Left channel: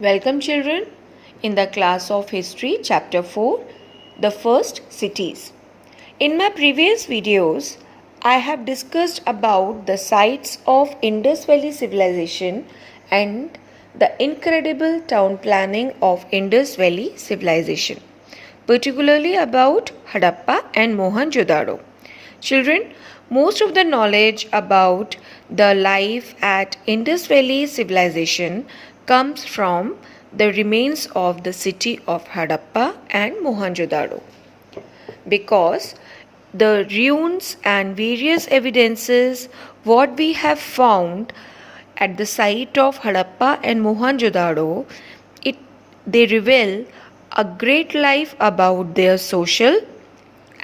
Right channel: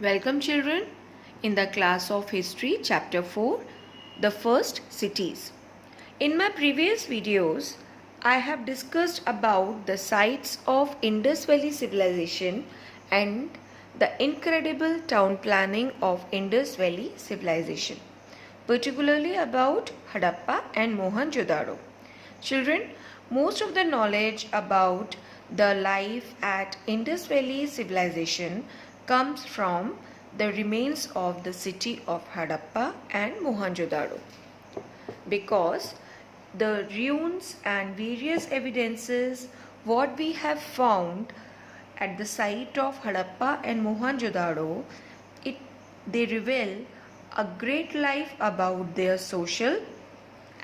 Welcome children in the class of history chapter 4, the first cities. In my previous videos, I have discussed about the sites of Indus Valley civilization and the incredible town planning of Indus Valley civilization, particularly about Harappa and Mohenjo-daro. Children, most of the knowledge about the life at Indus Valley civilization comes from the remains of the city of Harappa and Mohenjo-daro, because the ruins and various evidences what we have found at the site of Harappa and Mohenjo-daro, they reveal a great life about their social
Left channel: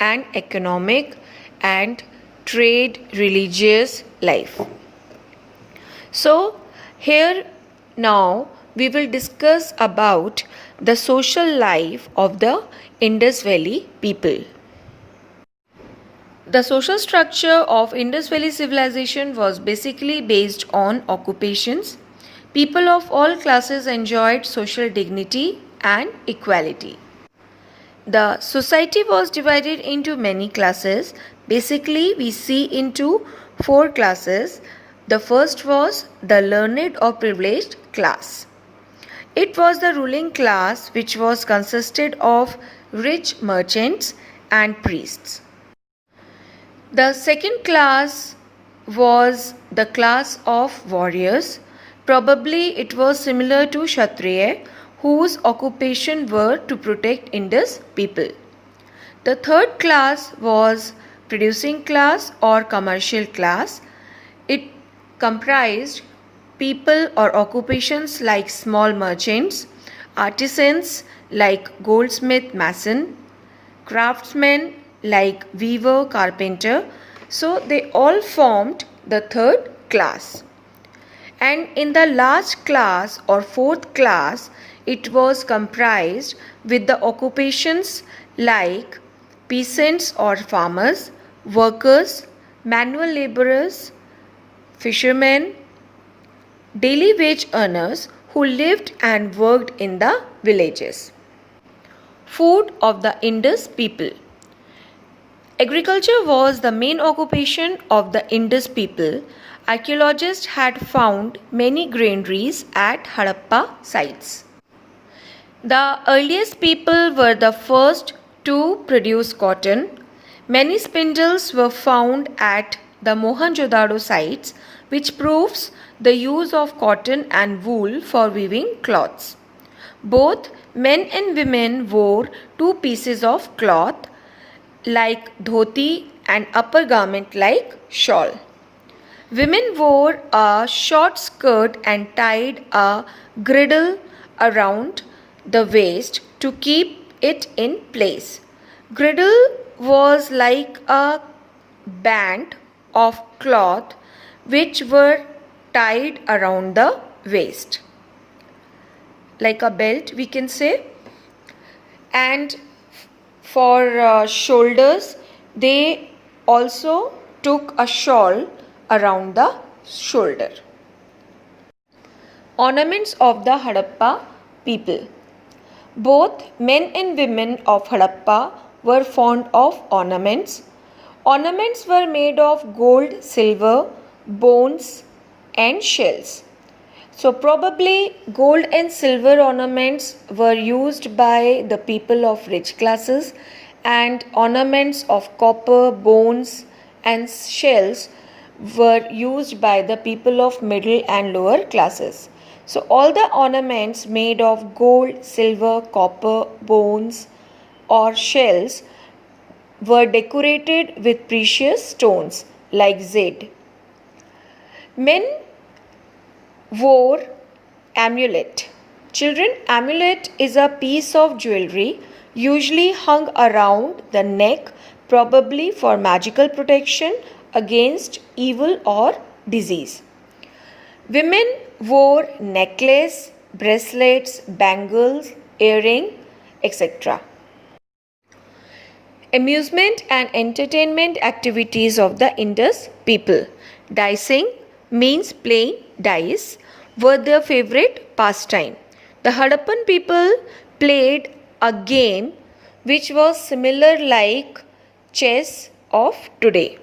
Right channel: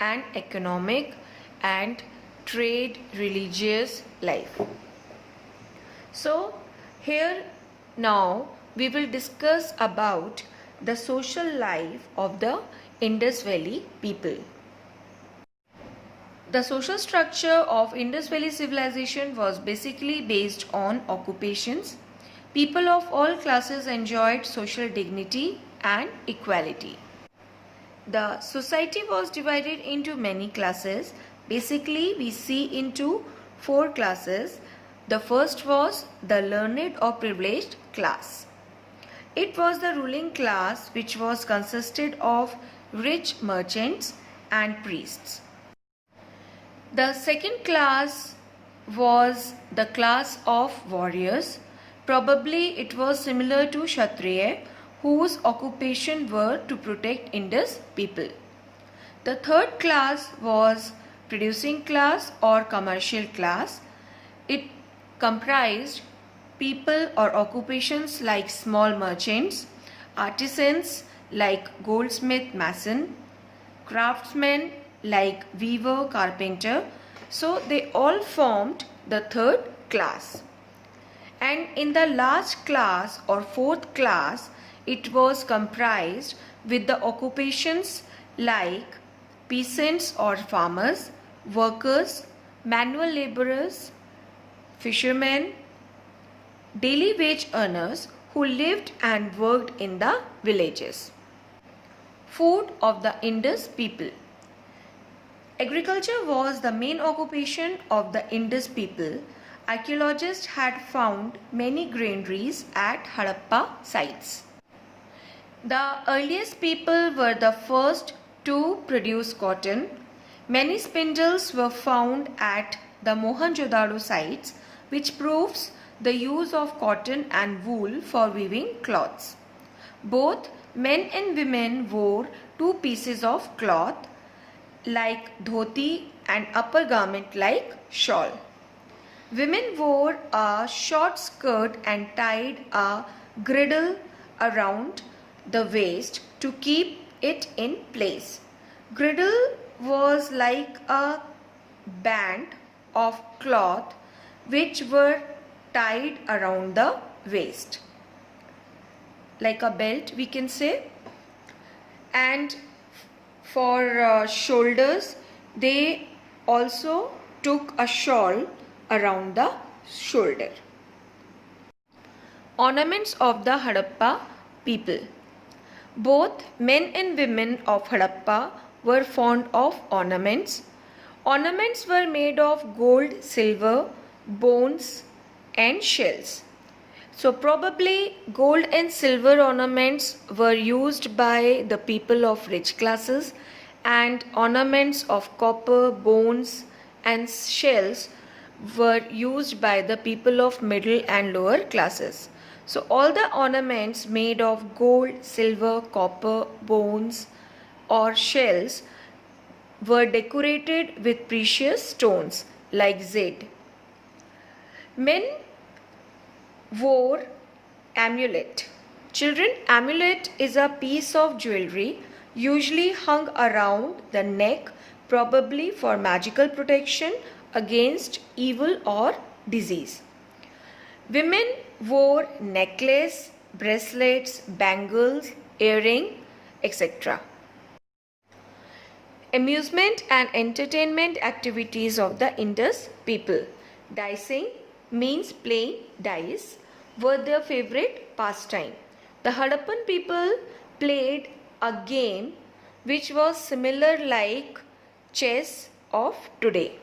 and economic and trade religious life. So here now we will discuss about the social life of the Indus Valley people. The social structure of Indus Valley civilization was basically based on occupations. People of all classes enjoyed social dignity and equality. The society was divided into many classes. Basically, we see into 4 classes. The first was the learned or privileged class. It was the ruling class which was consisted of rich merchants and priests. The second class was the class of warriors. Probably it was similar to Kshatriya, whose occupation were to protect Indus people. The third class was producing class or commercial class. It comprised people or occupations like small merchants, artisans like goldsmith, mason, craftsmen like weaver, carpenter. So they all formed the third class. And in the last class or fourth class, it was comprised with the occupations like peasants or farmers, workers, manual laborers, fishermen, daily wage earners who lived and worked in the villages. Food of the Indus people. Agriculture was the main occupation of the Indus people. Archaeologists had found many granaries at Harappa sites. The earliest people were the first to produce cotton. Many spindles were found at the Mohenjo-daro sites, which proves the use of cotton and wool for weaving cloths. Both men and women wore 2 pieces of cloth like dhoti and upper garment like shawl. Women wore a short skirt and tied a girdle around the waist to keep it in place. Girdle was like a band of cloth which were tied around the waist, like a belt we can say. And for shoulders, they also took a shawl around the shoulder. Ornaments of the Harappa people. Both men and women of Harappa were fond of ornaments. Ornaments were made of gold, silver, bones and shells. So probably gold and silver ornaments were used by the people of rich classes, and ornaments of copper, bones and shells were used by the people of middle and lower classes. So all the ornaments made of gold, silver, copper, bones or shells were decorated with precious stones like jade. Men wore amulet. Children, amulet is a piece of jewelry usually hung around the neck, probably for magical protection against evil or disease. Women wore necklace, bracelets, bangles, earring, etc. Amusement and entertainment activities of the Indus people. Dicing means playing dice were their favorite pastime. The Harappan people played a game which was similar like chess of today.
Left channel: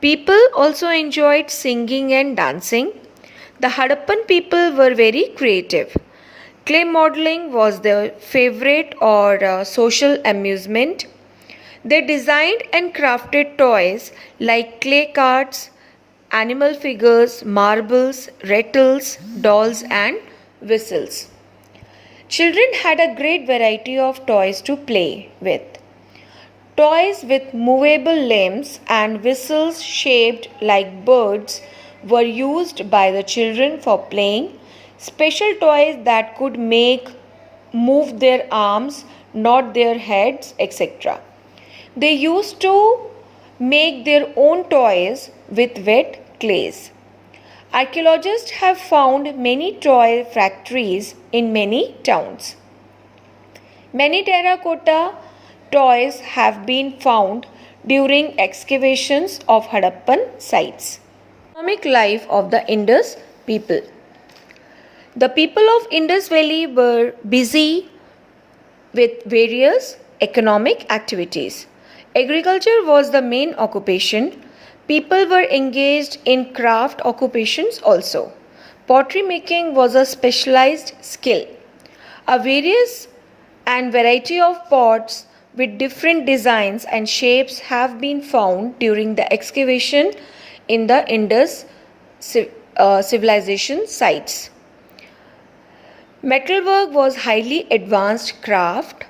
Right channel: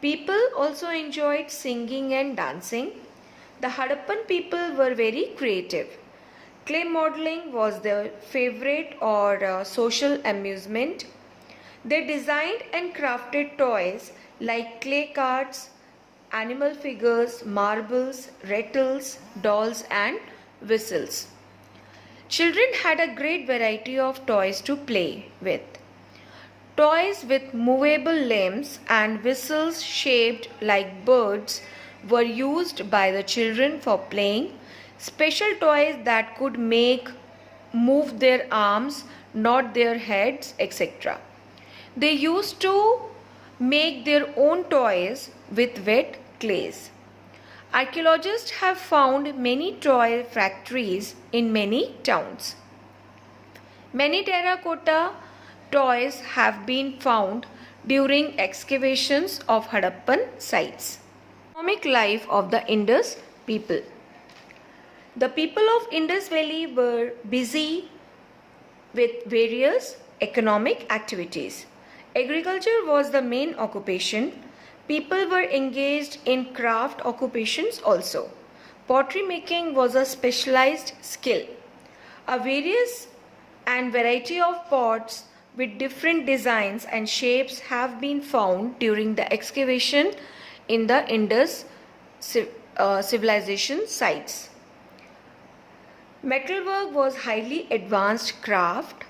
People also enjoyed singing and dancing. The Harappan people were very creative. Clay modeling was their favorite or social amusement. They designed and crafted toys like clay carts, animal figures, marbles, rattles, dolls, and whistles. Children had a great variety of toys to play with. Toys with movable limbs and whistles shaped like birds were used by the children for playing. Special toys that could move their arms, nod their heads, etc. They used to make their own toys with wet clays. Archaeologists have found many toy factories in many towns. Many terracotta toys have been found during excavations of Harappan sites. Economic life of the Indus people. The people of Indus Valley were busy with various economic activities. Agriculture was the main occupation. People were engaged in craft occupations also. Pottery making was a specialized skill. A various and variety of pots with different designs and shapes have been found during the excavation in the Indus civilization sites. Metalwork was highly advanced craft.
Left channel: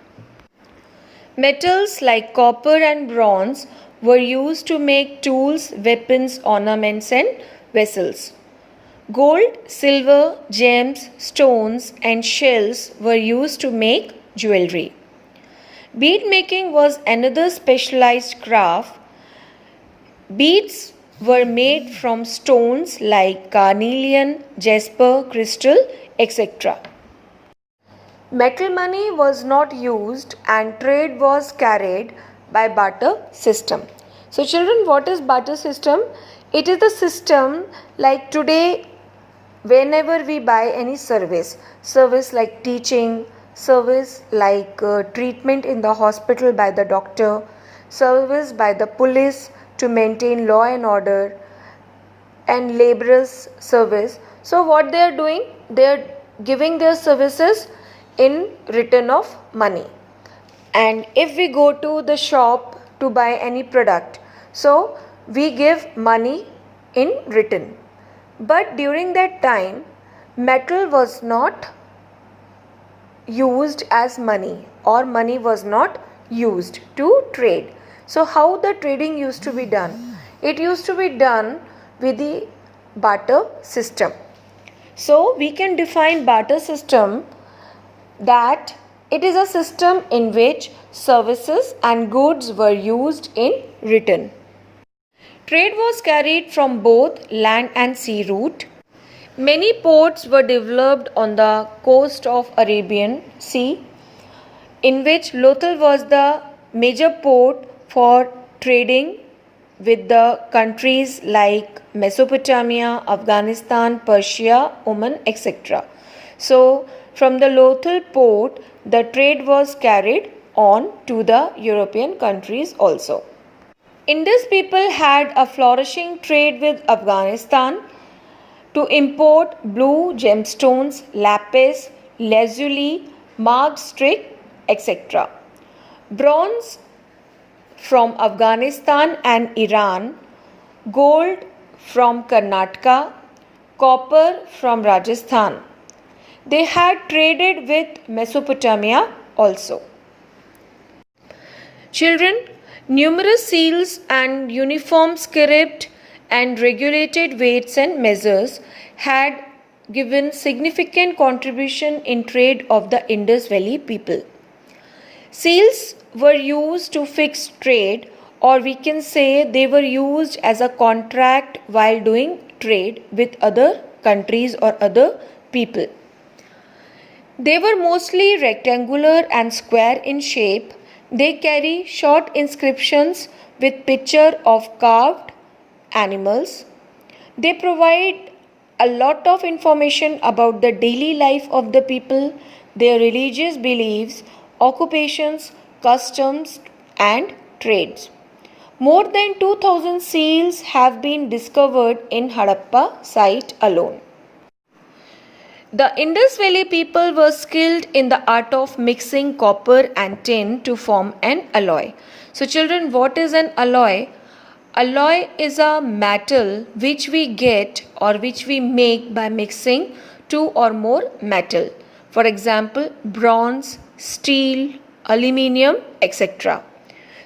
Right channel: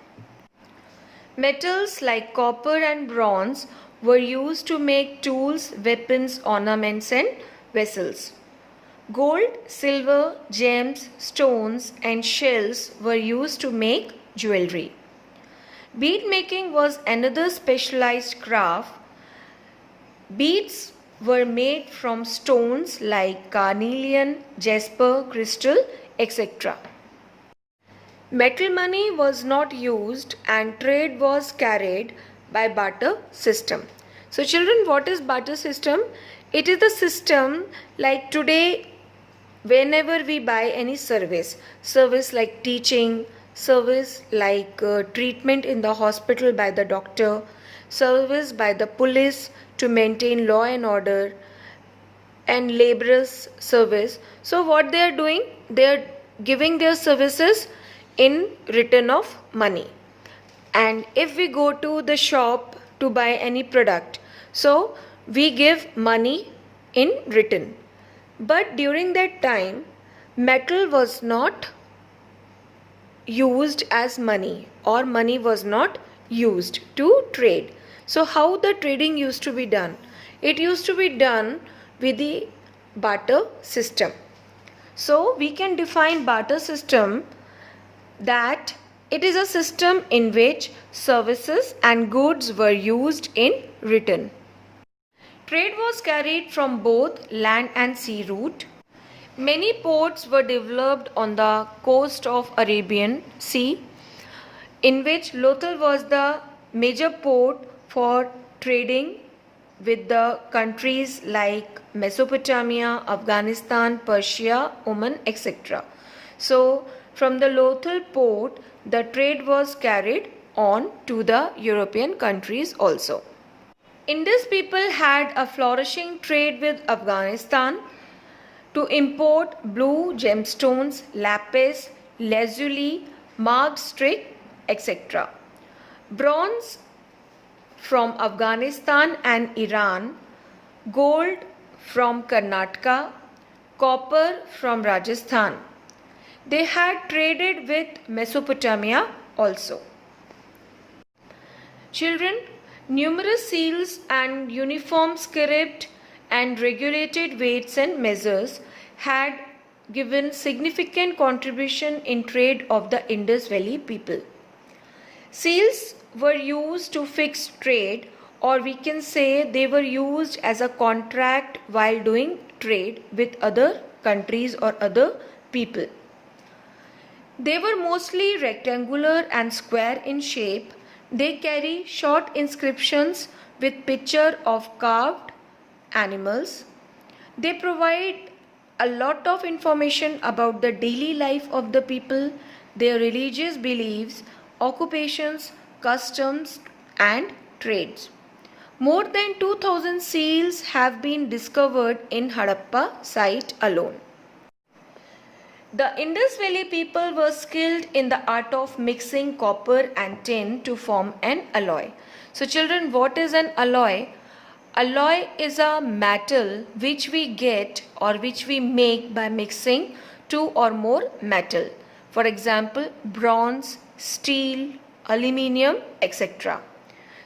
Metals like copper and bronze were used to make tools, weapons, ornaments, and vessels. Gold, silver, gems, stones, and shells were used to make jewelry. Bead making was another specialized craft. Beads were made from stones like carnelian, jasper, crystal, etc. Metal money was not used and trade was carried by barter system. So children, what is barter system? It is the system like today whenever we buy any service like teaching, service like treatment in the hospital by the doctor, service by the police to maintain law and order, and laborers service. So what they are doing? They are giving their services in return of money. And if we go to the shop to buy any product, so we give money in return. But during that time, metal was not used as money, or money was not used to trade. So how the trading used to be done? It used to be done with the barter system. So we can define barter system that it is a system in which services and goods were used in return. Trade was carried from both land and sea route. Many ports were developed on the coast of Arabian Sea, in which Lothal was the major port for trading with the countries like Mesopotamia, Afghanistan, Persia, Oman, etc. So from the Lothal port, the trade was carried on to the European countries also. Indus people had a flourishing trade with Afghanistan to import blue gemstones, lapis, lazuli, marble stick, etc. Bronze from Afghanistan and Iran, gold from Karnataka, copper from Rajasthan. They had traded with Mesopotamia also. Children, numerous seals and uniform script and regulated weights and measures had given significant contribution in trade of the Indus Valley people. Seals were used to fix trade, or we can say they were used as a contract while doing trade with other countries or other people. They were mostly rectangular and square in shape. They carry short inscriptions with picture of carved animals. They provide a lot of information about the daily life of the people, their religious beliefs, occupations, customs, and trades. More than 2000 seals have been discovered in Harappa site alone. The Indus Valley people were skilled in the art of mixing copper and tin to form an alloy. So children, what is an alloy? Alloy is a metal which we get or which we make by mixing two or more metal. For example, bronze, steel, aluminium, etc.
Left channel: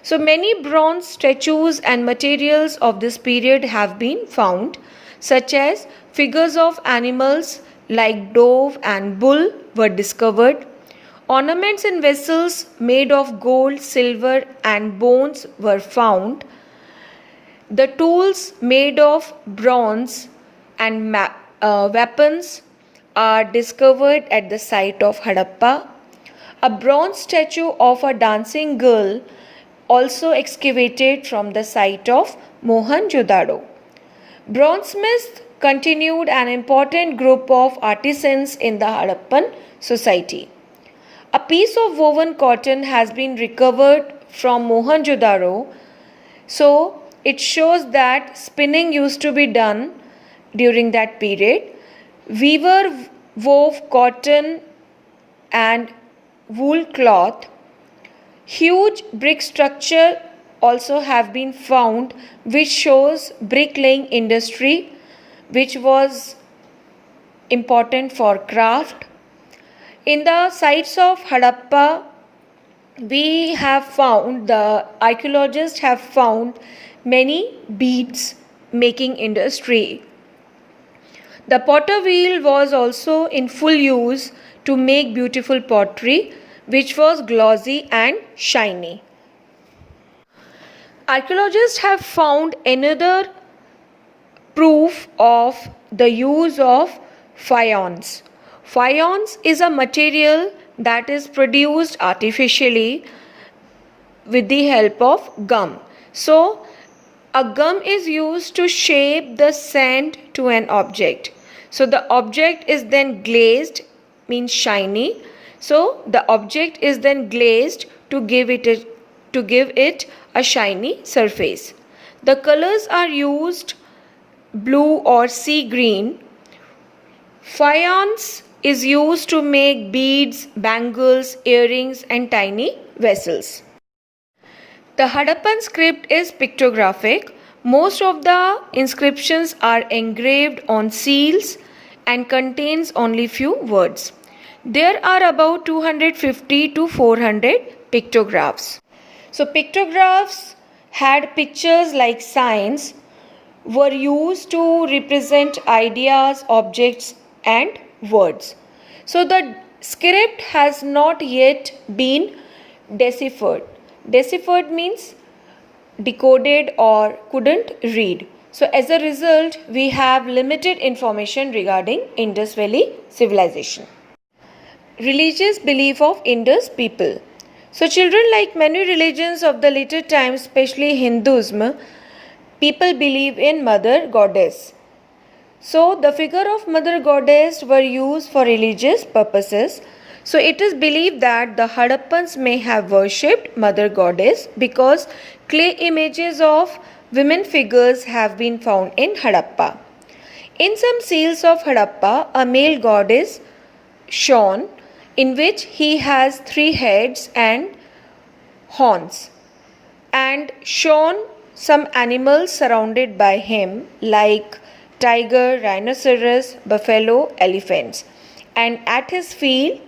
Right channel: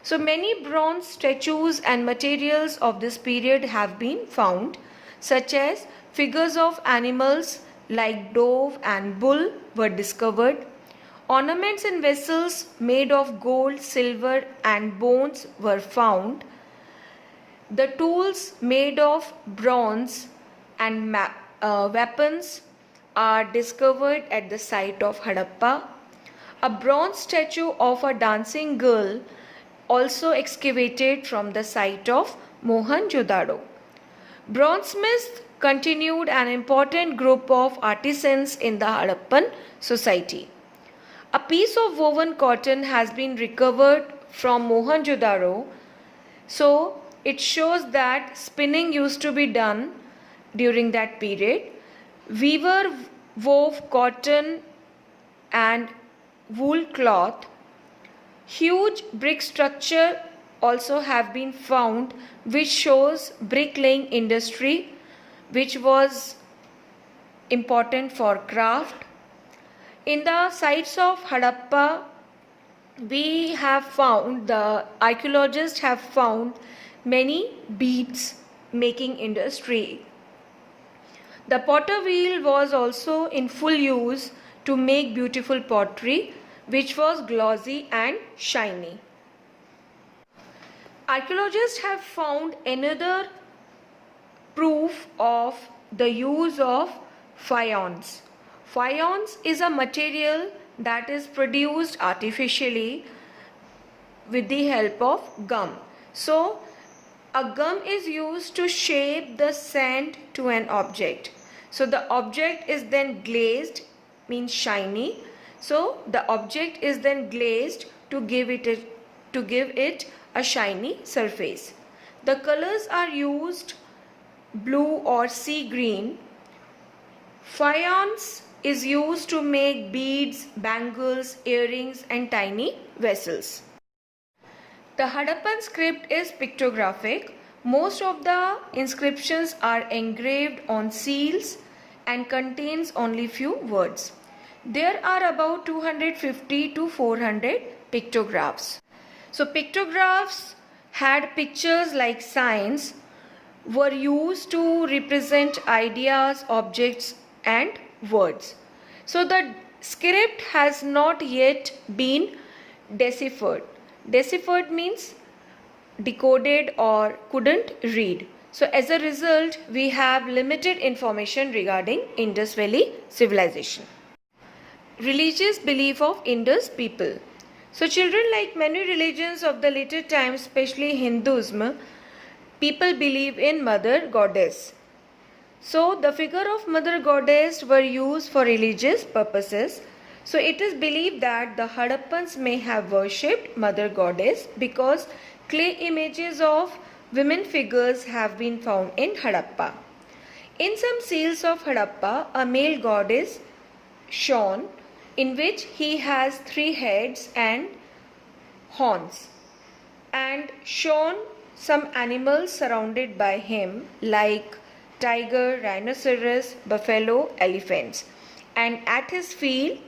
So many bronze statues and materials of this period have been found, such as figures of animals like dove and bull were discovered. Ornaments in vessels made of gold, silver and bones were found. The tools made of bronze and weapons are discovered at the site of Harappa. A bronze statue of a dancing girl also excavated from the site of Mohenjo-daro. Bronzesmiths continued an important group of artisans in the Harappan society. A piece of woven cotton has been recovered from Mohenjo-daro, so it shows that spinning used to be done during that period. Weaver wove cotton and wool cloth. Huge brick structure also have been found which shows bricklaying industry which was important for craft. In the sites of Harappa, the archaeologists have found many beads making industry. The potter wheel was also in full use to make beautiful pottery which was glossy and shiny. Archaeologists have found another proof of the use of faience. Faience is a material that is produced artificially with the help of gum. So, a gum is used to shape the sand to an object. So, the object is then glazed, means shiny. So, the object is then glazed to give it a shiny surface. The colors are used blue or sea green. Faience is used to make beads, bangles, earrings and tiny vessels. The Harappan script is pictographic. Most of the inscriptions are engraved on seals and contains only few words. There are about 250 to 400 pictographs. So pictographs had pictures like signs, were used to represent ideas, objects and words. So the script has not yet been deciphered. Deciphered means decoded or couldn't read. So as a result, we have limited information regarding Indus Valley civilization. Religious belief of Indus people. So children, like many religions of the later times, especially Hinduism, people believe in Mother Goddess. So the figure of Mother Goddess were used for religious purposes. So it is believed that the Harappans may have worshipped Mother Goddess because clay images of women figures have been found in Harappa. In some seals of Harappa, a male god is shown in which he has 3 heads and horns, and shown some animals surrounded by him like tiger, rhinoceros, buffalo, elephants, and at his feet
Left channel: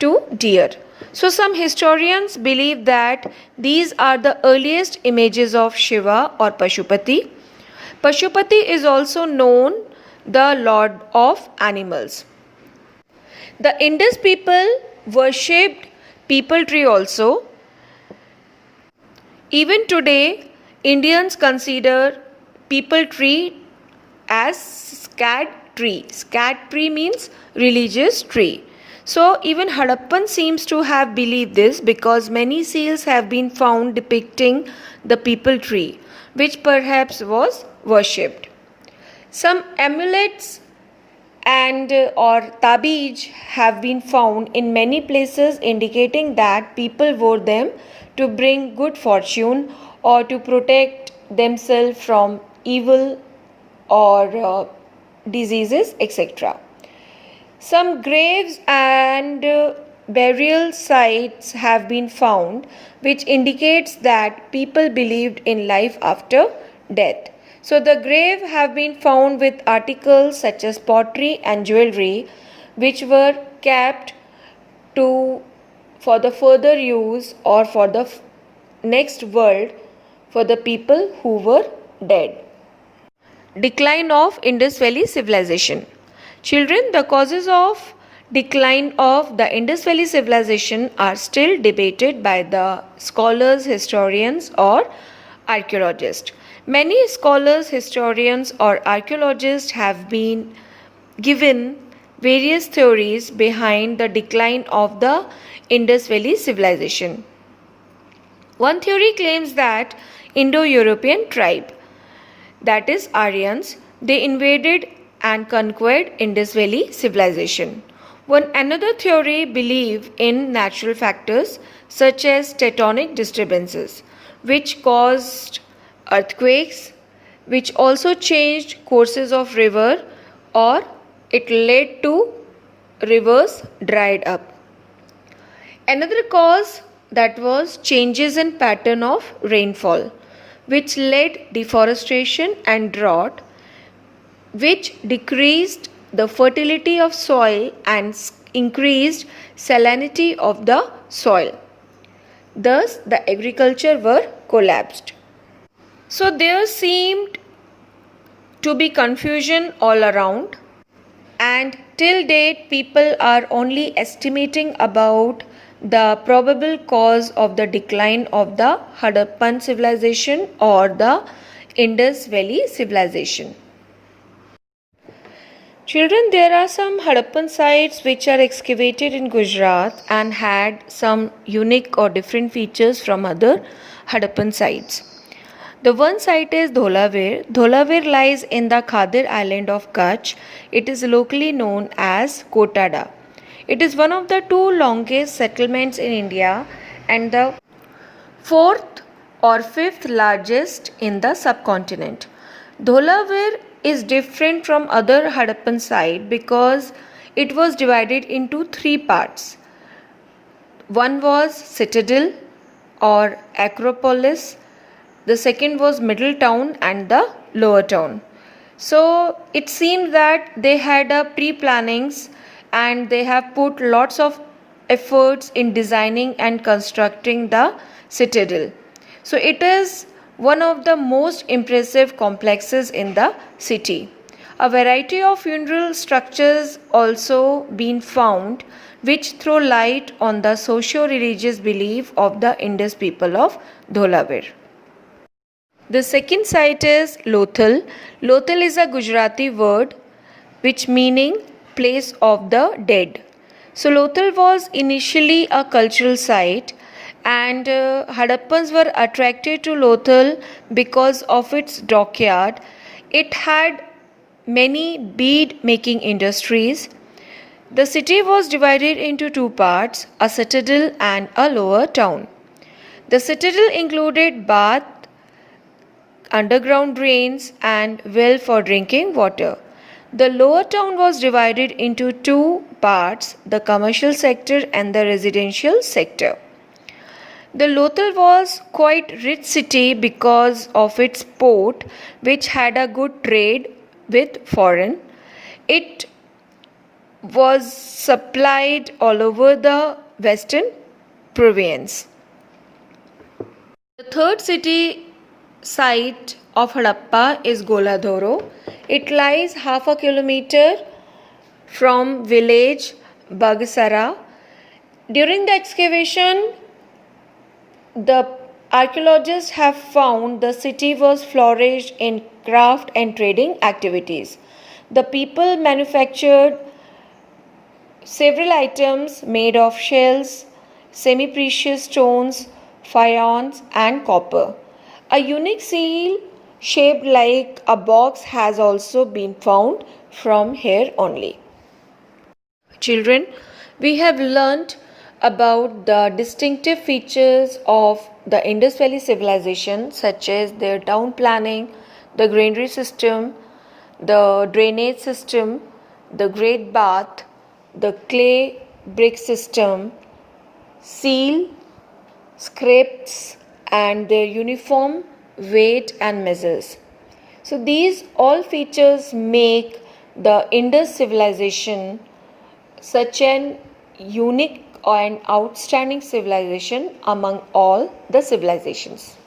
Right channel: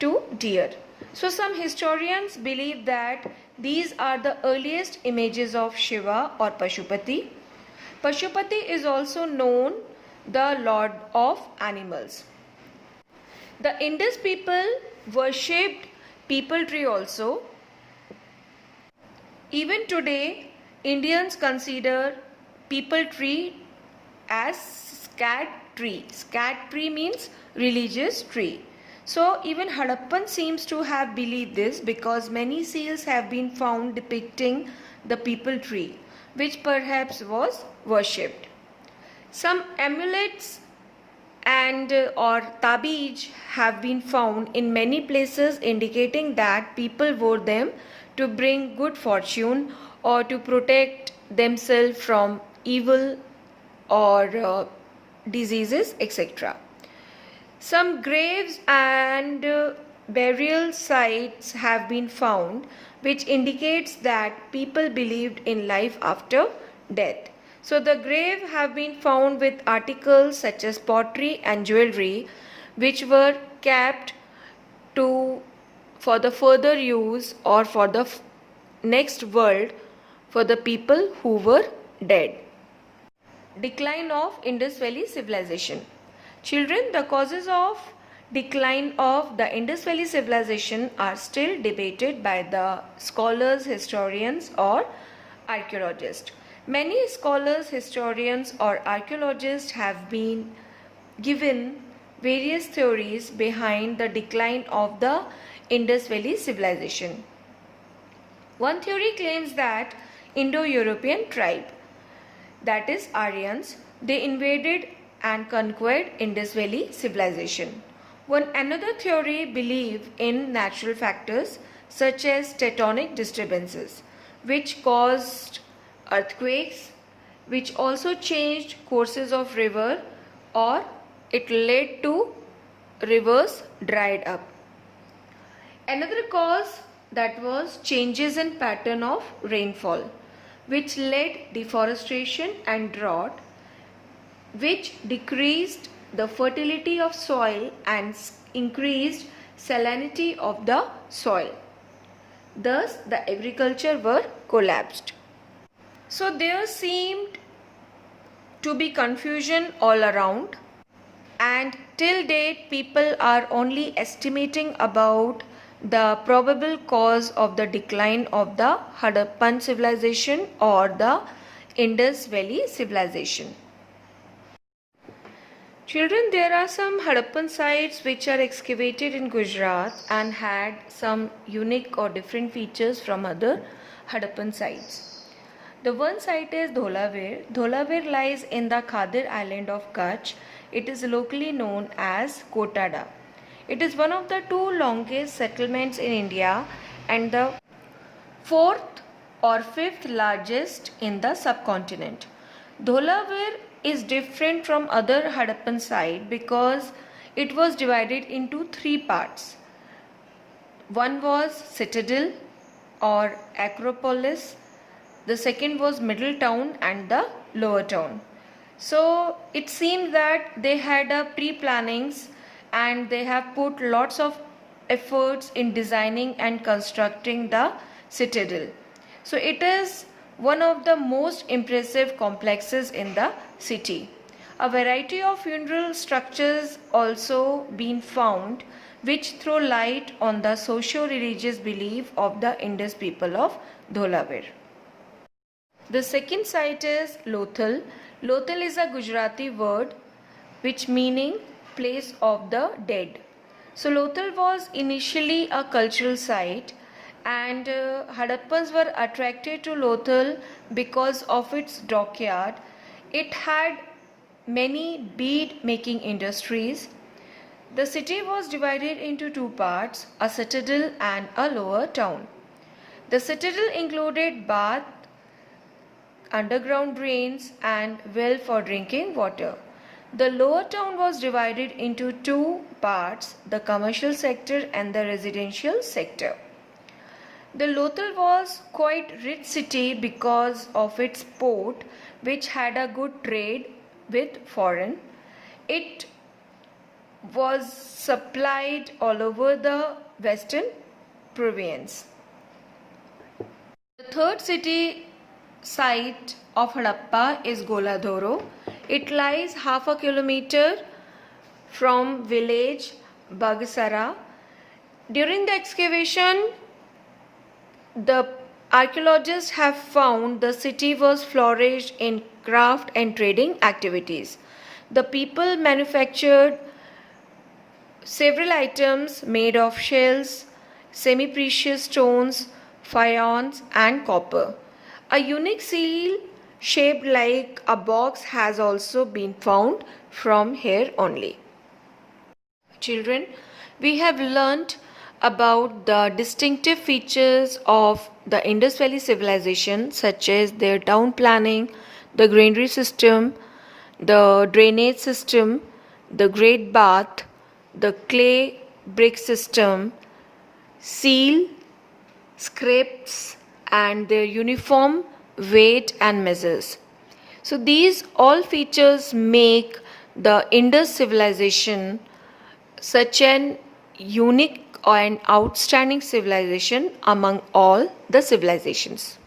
2 deer. So some historians believe that these are the earliest images of Shiva or Pashupati. Pashupati is also known the lord of animals. The Indus people worshipped peepal tree also. Even today, Indians consider peepal tree as sacred tree. Sacred tree means religious tree. So even Harappan seems to have believed this because many seals have been found depicting the peepal tree, which perhaps was worshipped. Some amulets and or tabij have been found in many places, indicating that people wore them to bring good fortune or to protect themselves from evil or diseases, etc. Some graves and burial sites have been found, which indicates that people believed in life after death. So the grave have been found with articles such as pottery and jewelry, which were kept to for the further use or for the next world for the people who were dead. Decline of Indus Valley civilization. Children, the causes of decline of the Indus Valley civilization are still debated by the scholars, historians, or archaeologists. Many scholars, historians, or archaeologists have been given various theories behind the decline of the Indus Valley civilization. One theory claims that Indo-European tribe, that is Aryans, they invaded and conquered Indus Valley civilization. One another theory believe in natural factors such as tectonic disturbances, which caused earthquakes, which also changed courses of river, or it led to rivers dried up. Another cause that was changes in pattern of rainfall, which led deforestation and drought, which decreased the fertility of soil and increased salinity of the soil. Thus, the agriculture were collapsed. So there seemed to be confusion all around, and till date people are only estimating about the probable cause of the decline of the Harappan civilization or the Indus Valley civilization. Children, there are some Harappan sites which are excavated in Gujarat and had some unique or different features from other Harappan sites. The one site is Dholavir. Dholavir lies in the Khadir island of Kutch. It is locally known as Kotada. It is one of the two longest settlements in India and the fourth or fifth largest in the subcontinent. Dholavir is different from other Harappan site because it was divided into three parts. One was citadel or acropolis, the second was middle town and the lower town. So it seems that they had a pre-plannings and they have put lots of efforts in designing and constructing the citadel. So it is one of the most impressive complexes in the city. A variety of funeral structures also been found which throw light on the socio-religious belief of the Indus people of Dholavir. The second site is Lothal. Lothal is a Gujarati word which meaning place of the dead. So Lothal was initially a cultural site and Hadappans were attracted to Lothal because of its dockyard. It had many bead making industries. The city was divided into two parts, a citadel and a lower town. The citadel included bath, underground drains and well for drinking water. The lower town was divided into two parts, the commercial sector and the residential sector. The Lothal was quite rich city because of its port which had a good trade with foreign. It was supplied all over the western province. The third city site of Harappa is Goladhoro. It lies half a kilometer from village Bagsara. During the excavation, the archaeologists have found the city was flourished in craft and trading activities. The people manufactured several items made of shells, semi-precious stones, faience and copper. A unique seal shaped like a box has also been found from here only. Children, we have learnt about the distinctive features of the Indus Valley civilization, such as their town planning, the granary system, the drainage system, the great bath, the clay brick system, seal, scripts, and their uniform weight and measures. So these all features make the Indus civilization such an unique and outstanding civilization among all the civilizations.